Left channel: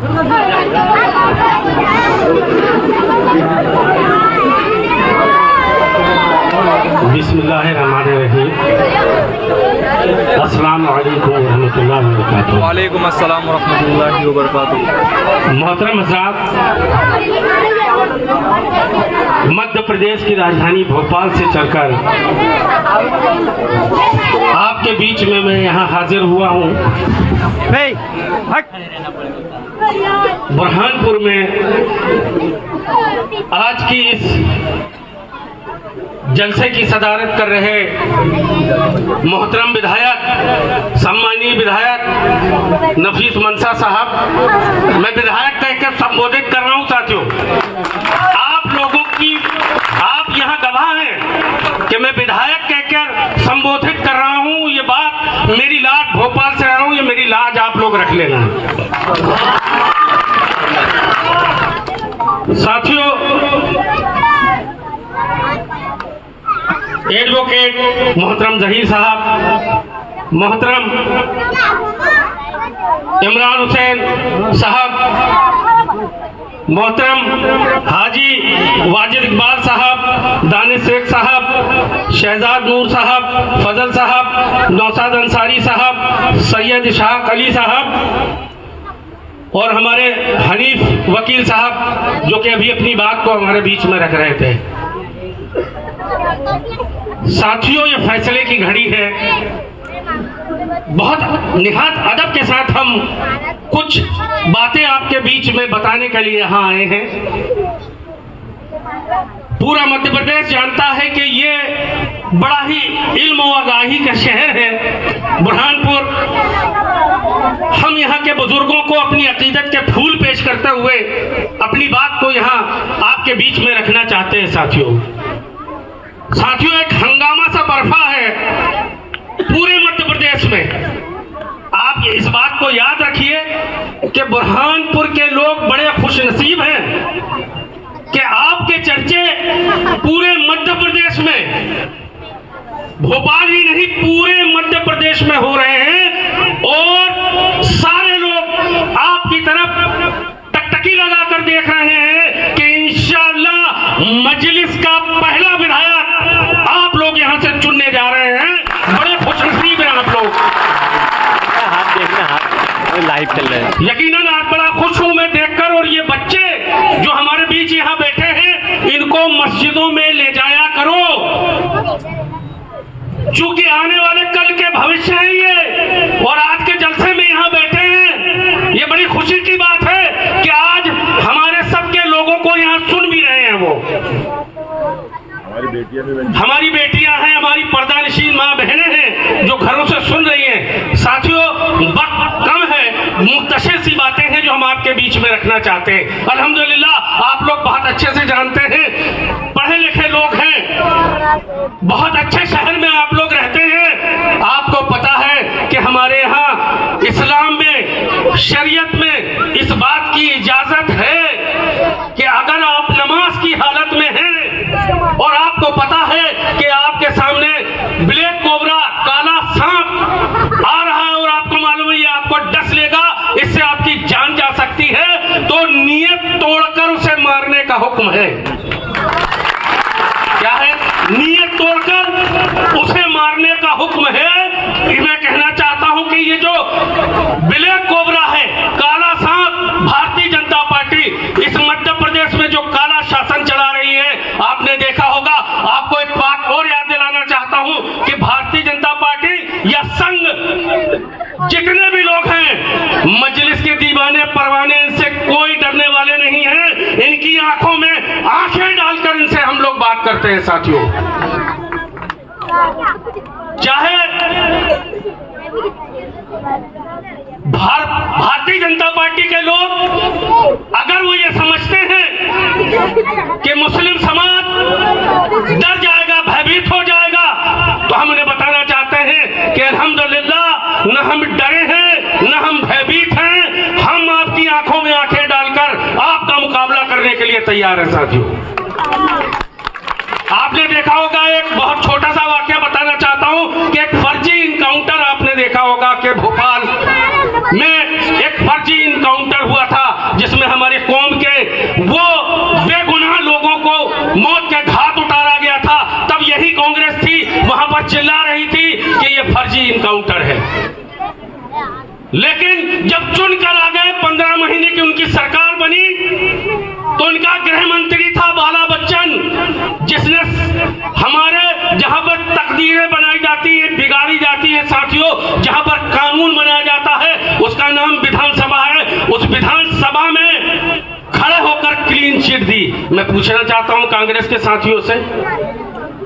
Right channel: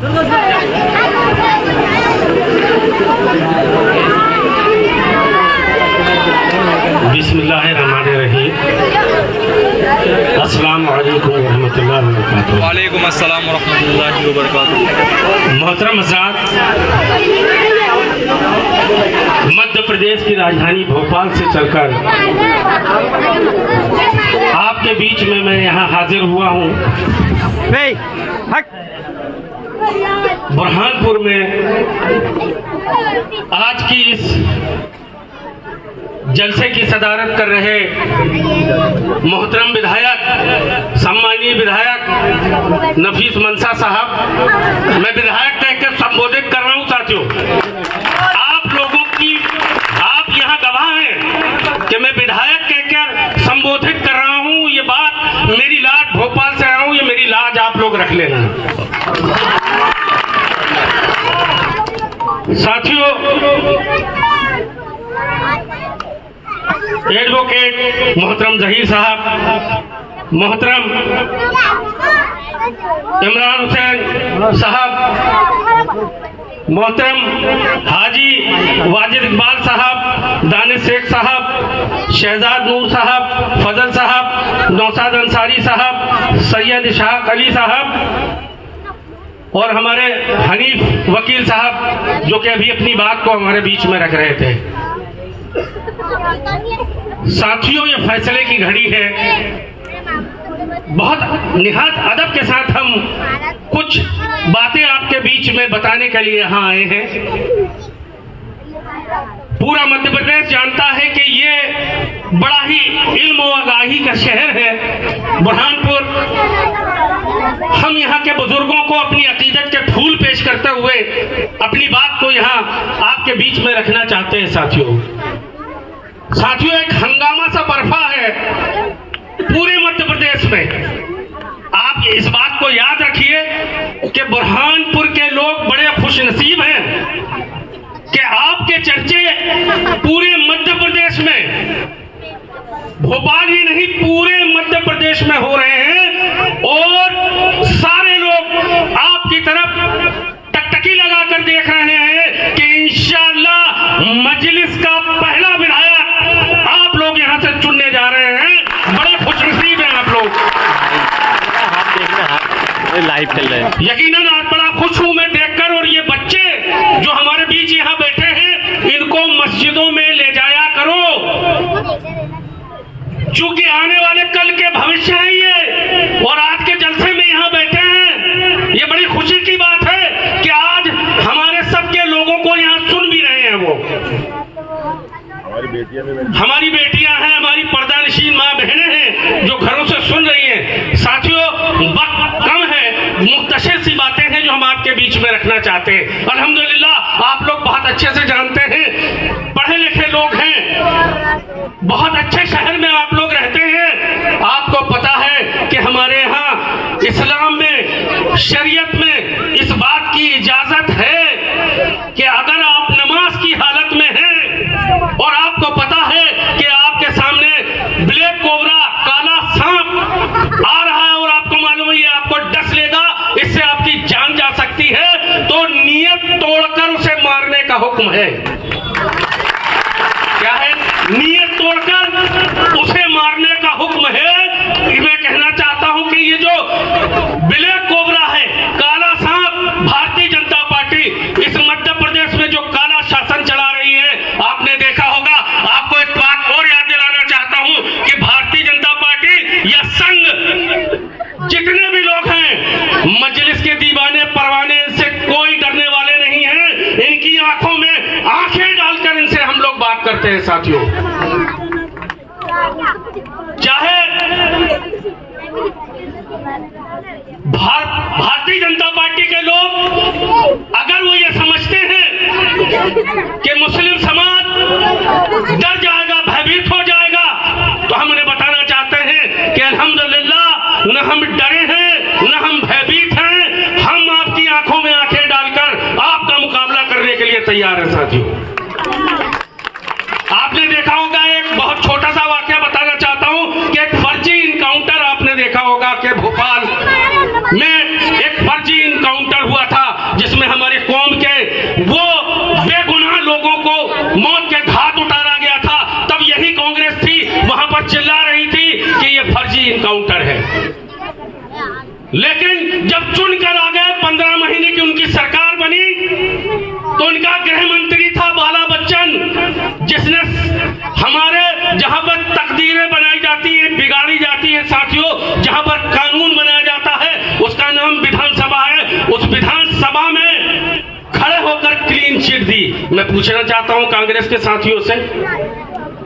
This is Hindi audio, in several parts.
बिस्मिल्लाहिर्रहमानिर्रहीम। अस्सलाम वालेकुम रहमतुल्लाहि व बरकातुहू। वालेकुम अस्सलाम व रहमतुल्लाहि व बरकातुहू। मोहतरम हज़रात, मध्य प्रदेश की राजधानी भोपाल से चलकर आपके बीच में मैं यहाँ हाजिर हुआ हूँ। बुरहानपुर में आज की इस जलसे की सदारत कर रहे मोहतरम विधायक, सम्मानीय विधायक नफीस मंसा साहब, मैं विधायक कहकर संबोधित कर रहा हूं। साथियों, आप लोगों की, आप यहां गवाह हैं कि मैं विधायक कहकर संबोधित कर रहा हूं। ये बात मेरी लाज, भोपाल से आया हूं, ये मेरी लाज आप लोग रख लेना। साथियों, एडवोकेट मोहतरम जहीर साहब, मोहतरम इमरान हुसैन साहब, मोहतरम हाजी वाजिद इकबाल साहब, दानिश शेख साहब, शहजाद नूर साहब, फजल साहब, नौशाद अंसारी साहब, सैयद इशहाक अली साहब और हमारे हनीफ वकील साहब, जो कि अभी अपनी बात को हमारे बीच में रख रहे थे। साथियों, ये फैसले की घड़ी है। बहुत निहायत अदब के साथ हम कुछ बातें आपके बीच में बताने के लिए यहाँ आए हैं। पूरा मध्य प्रदेश जानता है कि ये बड़ा ही इल्म व आगाही का शहर है बुरहानपुर। हम यहाँ के बुजुर्गों को अपनी अकीदत के फूल पेश करते हुए अपनी बात को यहाँ आपके बीच में रखना चाहते हैं। साथियों, एक हंगामा सा बरपा है पूरे मध्य प्रदेश में। आप इस बात को याद रखिए कि बुरहानपुर के लोग बड़े खुशनसीब हैं कि आपके चर्चे पूरे मध्य प्रदेश में, भोपाल ही नहीं पूरे मध्य प्रदेश में हो रहे हैं और सारे लोग आपकी तरफ टकटकी लगाकर देख रहे हैं कि इंशाअल्लाह मजलिस का पहला विधायक आप लोग यहां से चुनने जा रहे हैं। बड़े खुशनसीब हैं आप लोग। लाइव चल रहे हैं। यकीनन आज बड़ा खुश हूं मैं देखकर। और ये बच्चे जो हमारे बीच यहाँ बैठे हैं, इनको मस्जिदों में ले जाया करो, क्योंकि आने वाले कल के भविष्य है ये। और आज के जलसे में यहाँ बैठे हैं, ये बड़ी खुशी की बात है कि आज हमारे सबके लोगों को यहाँ सुन भी रहे हैं। वो हमारी बेटियां हैं, हमारी पर्दानशीन माँ बहनें हैं जो घरों से सुन रही हैं। साथियों, वक्त कम है, मुख्तसर सी बातें हैं जो हम आपके बीच में रखना चाहते हैं। अल्हम्दुलिल्लाह, आप लोग बहुत अच्छे से जानते हैं, पढ़े लिखे लोग हैं, बहुत अच्छे शहर में आप लोग रहते हैं। आपको पता है कि हमारे यहाँ इस्लाम में, शरीयत में इस बात की इजाजत है कि अगर आप नमाज की हालत में हैं और आपको पता है कि आपके सामने ब्लैक कोबरा, काला सांप आ रहा है और आपको मालूम है ये आपको डस लेगा, इससे आपकी जान जा सकती है, तो नियत तोड़कर उसे मारने का हुक्म है। क्या है? नियत तोड़कर उसे मारने का हुक्म है। मैं कहना चाहता हूं कि ये जो ब्लैक कोबरा है, काला सांप, भारतीय जनता पार्टी इस मध्य प्रदेश में जो काला शासन चला रही है, आपने देखा होगा। आपको एक बात और याद दिलाना चाहता हूं कि भारतीय जनता पार्टी या संघ, जितने भी लोग हैं, मजलिस के दीवाने परवाने, इनसे कोई डरने वाले नहीं हैं। इनकी आंखों में आंखें डालकर इनसे हम लोग बात करते हैं। साथियों, चाहे भारतीय जनता पार्टी के लोग अगर वो ये समझते हैं कि मुस्लिम समाज डर जाएगा, भयभीत हो जाएगा, तो हम उन्हें बताना चाहते हैं कि अल्हम्दुलिल्लाह, न हम डरे हैं, न हम भयभीत हैं। हम आपकी आंखों में आंखें डालकर आपका मुकाबला करने के लिए तैयार हैं। साथियों, आपने देखा होगा, एक बहुत छोटा सा वाकया बताना चाहता हूं कि एक फर्जी इनकाउंटर आपने देखा होगा कि भोपाल में एक फर्जी इनकाउंटर हुआ था वो बेगुनाह लोगों को मौत के घाट उतारा गया था, तब यही कांग्रेस थी वहां पर चिल्ला रही थी कि ये फर्जी इनकाउंटर है। लेकिन जब चुनकर आ गए, 15 महीने की उनकी सरकार बनी, तो उनका गृह मंत्री था बाला बच्चन, जिसने हमारे जहां पर तकदीरें बनाई जाती है, बिगाड़ी जाती है साथियों, जहां पर कानून बनाया जाता है, उसका नाम विधानसभा है। उस विधानसभा में खड़े होकर क्लीन चिट दी। मैं पूछना चाहता हूं कांग्रेस के साथियों से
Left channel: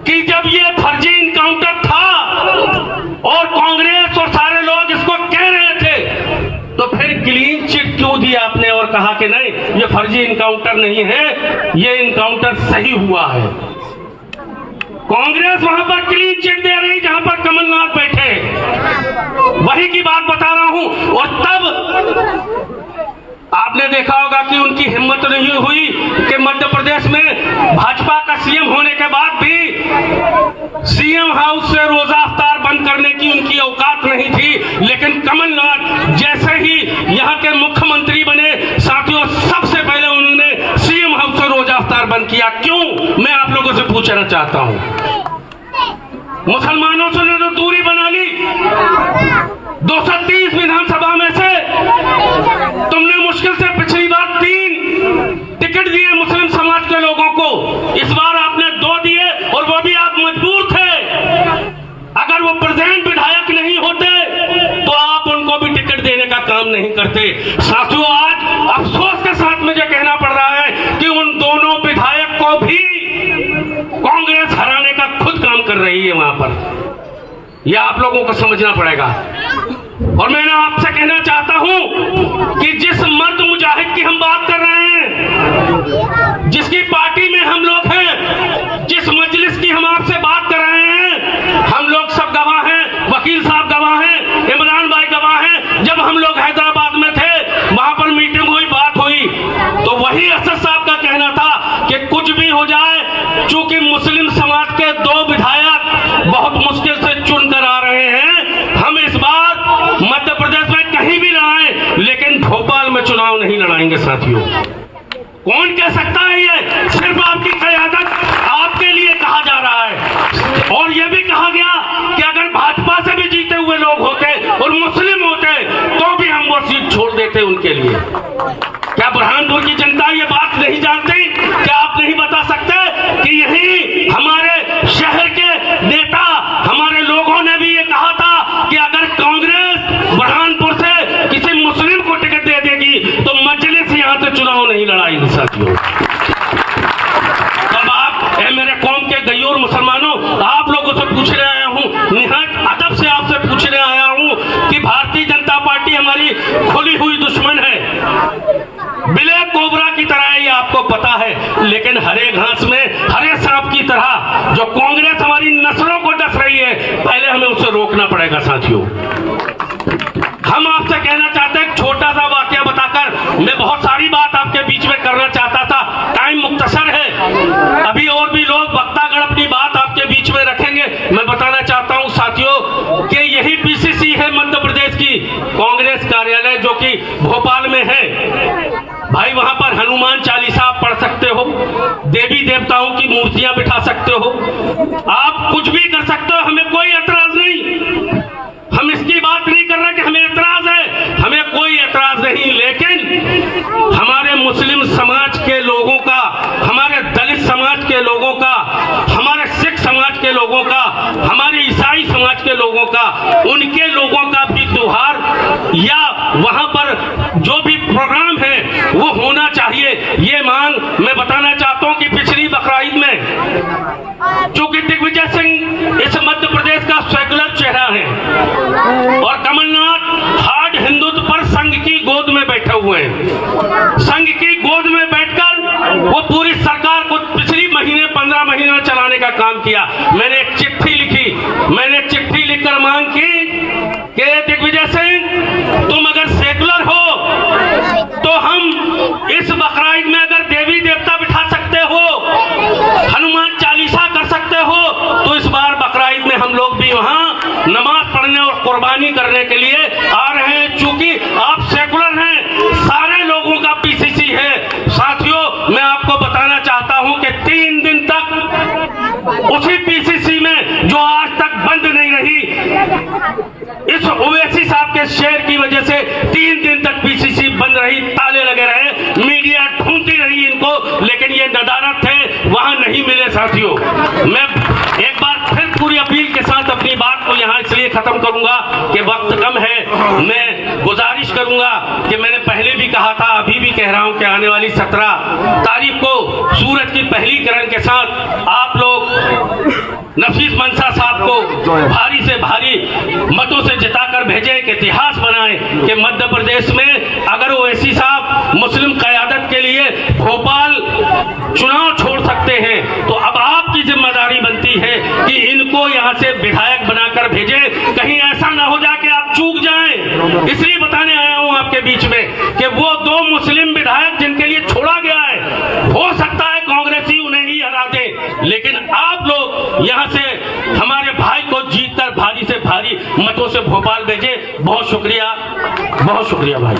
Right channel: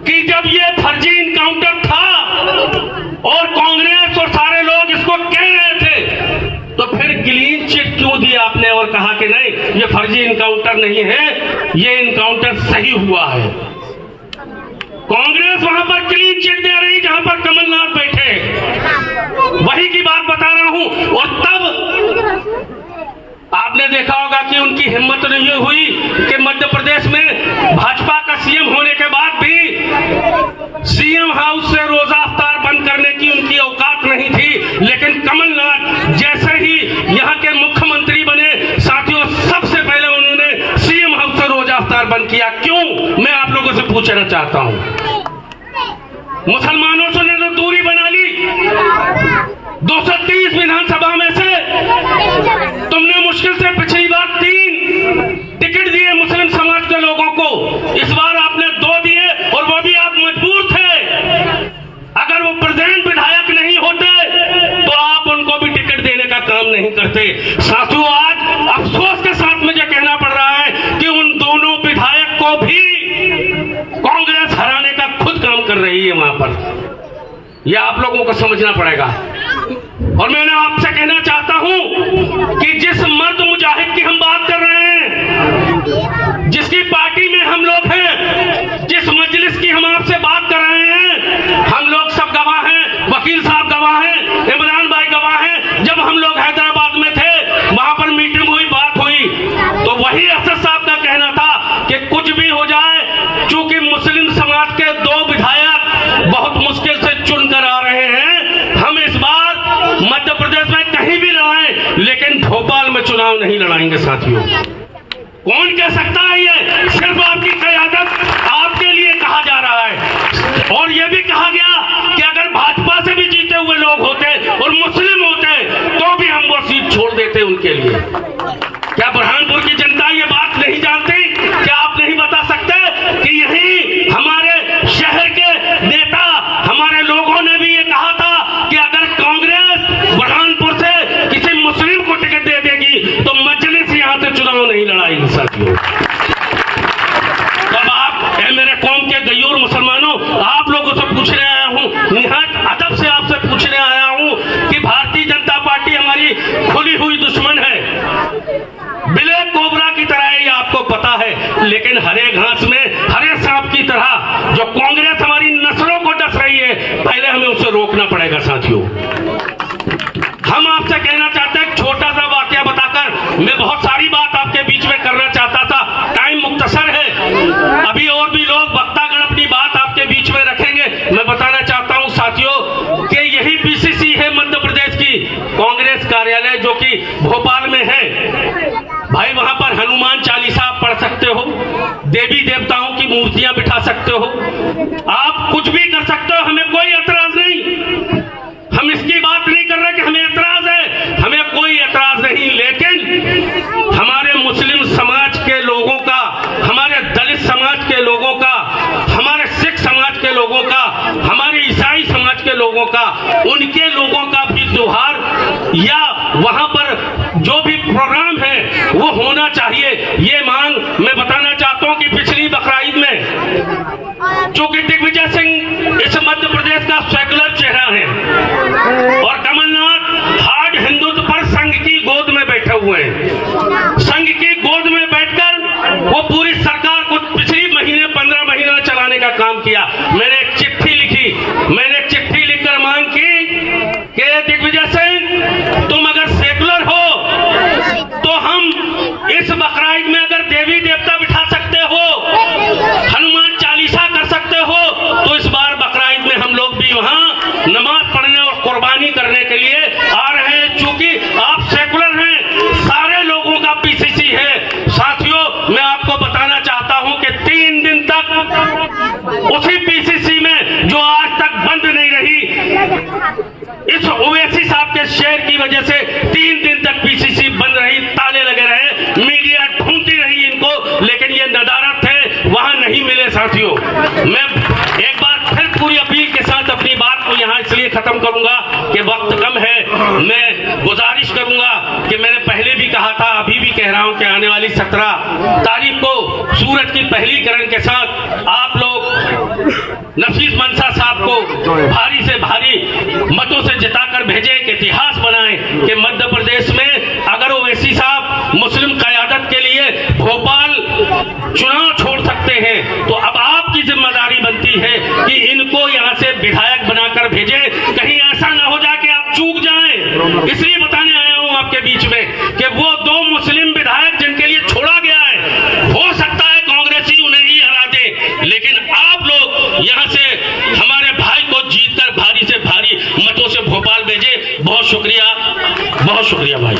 कि जब ये फर्जी इनकाउंटर था और कांग्रेस और सारे लोग इसको कह रहे थे, तो फिर क्लीन चिट क्यों दी आपने और कहा कि नहीं ये फर्जी इनकाउंटर नहीं है, ये इनकाउंटर सही हुआ है। कांग्रेस वहां पर क्लीन चिट दे रही जहां पर कमलनाथ बैठे, वही की बात बता रहा हूं। और तब आपने देखा होगा कि उनकी हिम्मत नहीं हुई कि मध्य प्रदेश में भाजपा का सीएम होने के बाद भी सीएम हाउस से रोजा अफ्तार बंद करने की उनकी औकात नहीं थी। लेकिन कमलनाथ जैसे ही यहां के मुख्यमंत्री बने साथियों, सबसे पहले उन्होंने सीएम हाउस से रोजा अफ्तार बंद किया। क्यों, मैं आप लोगों से पूछना चाहता हूं। मुसलमानों से ने तो दूरी बना ली, 230 विधानसभा में से तुमने मुश्किल से पिछली बार 3 टिकट दिए मुस्लिम समाज के लोगों को, इस बार आपने 2 दिए और वो भी आप मजबूर थे। अगर वो प्रेजेंट विधायक नहीं होते तो आप उनको भी टिकट देने का काम नहीं करते। साथियों, आज अफसोस के साथ मुझे कहना पड़ रहा है कि उन दोनों विधायक को भी कांग्रेस हराने का खुद काम कर रही है वहां पर। यह आप लोगों को समझना पड़ेगा। और मैं आपसे कहना चाहता हूं कि जिस मर्द मुजाहिद की हम बात कर रहे हैं, जिसकी पार्टी में हम लोग हैं, जिस मजलिस की हम आपसे बात कर रहे हैं, हम लोग सब गवाह हैं, वकील साहब गवाह हैं, इमरान भाई गवाह हैं। जब हम लोग हैदराबाद में थे, वहां पर मीटिंग हुई, बात हुई, तो वही असद साहब का कहना था कि कुछ भी हो जाए, चूंकि मुस्लिम समाज के 2 विधायक बहुत मुश्किल से चुनकर आ रहे हैं, हम इस बार मध्य प्रदेश में कहीं भी लड़ाएं, लेकिन भोपाल में चुनाव नहीं लड़ाएंगे साथियों। कौन कह सकता है? ये सिर्फ आपकी क़यादत आपके लिए कहा जा रहा है। और ये भी कहा गया कि अगर भाजपा से भी जीते हुए लोग होते और मुस्लिम होते तो भी हम वो सीट छोड़ देते उनके लिए। क्या बुरहानपुर की जनता ये बात नहीं जानती? क्या आप नहीं बता सकते कि यही हमारे शहर के नेता, हमारे लोगों ने भी ये कहा था कि अगर कांग्रेस बुरहानपुर से किसी मुस्लिम को टिकट दे देगी तो मजलिस यहां से चुनाव नहीं लड़ाएगी साथियों। अब आप मेरे कौम के गयूर मुसलमानों, आप लोगों से पूछने आया हूं, निहायत अदब से आपसे पूछने आया हूं कि भारतीय जनता पार्टी हमारी खुली हुई दुश्मन है, ब्लैक कोबरा की तरह है, ये आपको पता है। लेकिन हरे घास में हरे सांप की तरह जो कांग्रेस हमारी नस्लों को डस रही है, पहले हमें उसे रोकना पड़ेगा साथियों। हम आपसे कहना चाहते हैं, छोटा सा वाकया बताकर मैं बहुत सारी बात आपके बीच में करना चाहता था, टाइम मुख्तसर है, अभी और भी लोग वक्तागण अपनी बात आपके बीच में रखेंगे। मैं बताना चाहता हूं साथियों कि यही पीसीसी है मध्य प्रदेश की कांग्रेस कार्यालय, जो कि भोपाल में है। भाई वहां पर हनुमान चालीसा आप पढ़ सकते हो, देवी देवताओं की मूर्तियां बिठा सकते हो, आप कुछ भी कर सकते हो, हमें कोई एतराज नहीं। हम इसकी बात नहीं कर रहे कि हमें एतराज है, हमें कोई एतराज नहीं। लेकिन हमारे मुस्लिम समाज के लोगों का, हमारे दलित समाज के लोगों का, हमारे सिख समाज के लोगों का, हमारे ईसाई समाज के लोगों का, उनके लोगों का भी त्योहार या वहां पर जो भी प्रोग्राम है वो होना चाहिए। ये मांग मैं बताना चाहता हूं कि पिछली बकरीद में चूंकि दिग्विजय सिंह इस मध्य प्रदेश का सेकुलर चेहरा है और कमलनाथ हार्ड हिंदुत्व पर संघ की गोद में बैठे हुए हैं, संघ की गोद में बैठकर वो पूरी सरकार को पिछली महीने 15 महीने में चलाने का काम किया। मैंने एक चिट्ठी लिखी, मैंने एक चिट्ठी लिखकर मांग की कि दिग्विजय सिंह, तुम अगर सेकुलर हो तो हम इस बकरीद में अगर देवी देवता बिठा सकते हो, हनुमान चालीसा कर सकते हो, तो इस बार बकरीद में हम लोग भी वहां नमाज पढ़ने और कुर्बानी करने के लिए आ रहे हैं। चूंकि आप सेकुलर हैं, सारे लोगों का पीसीसी है साथियों, मीडिया ढूंढती रही इनको, लेकिन ये नदारत है वहां नहीं मिले साथियों। मैं एक बार फिर पूरी अपील के साथ अपनी बात को यहां इसलिए खत्म करूंगा कि वक्त कम है। मैं गुजारिश करूंगा कि मैंने पहले भी कहा था, अभी भी कह रहा हूं कि आने वाली 17 तारीख को सूरज की पहली किरण के साथ आप लोग नफीस मंसा साहब को भारी से भारी मतों से जिताकर भेजे, एक इतिहास बनाए कि मध्य प्रदेश में अगर ओवैसी साहब मुस्लिम क़यादत के लिए भोपाल चुनाव छोड़ सकते हैं तो अब आपकी जिम्मेदारी बनती है कि इनको यहां से विधायक बनाकर भेजे। कहीं ऐसा ना हो जाए कि आप चूक जाएं। इसलिए बताने आया हूं आपके बीच में कि वो 2 मुस्लिम विधायक जिनके लिए छोड़ा गया है, हो सकता है कांग्रेसी उन्हें ही हरा दे, लेकिन आप लोग यहां से हमारे भाई को जीतकर भारी से भारी मतों से भोपाल भेजे। बहुत शुक्रिया भाई।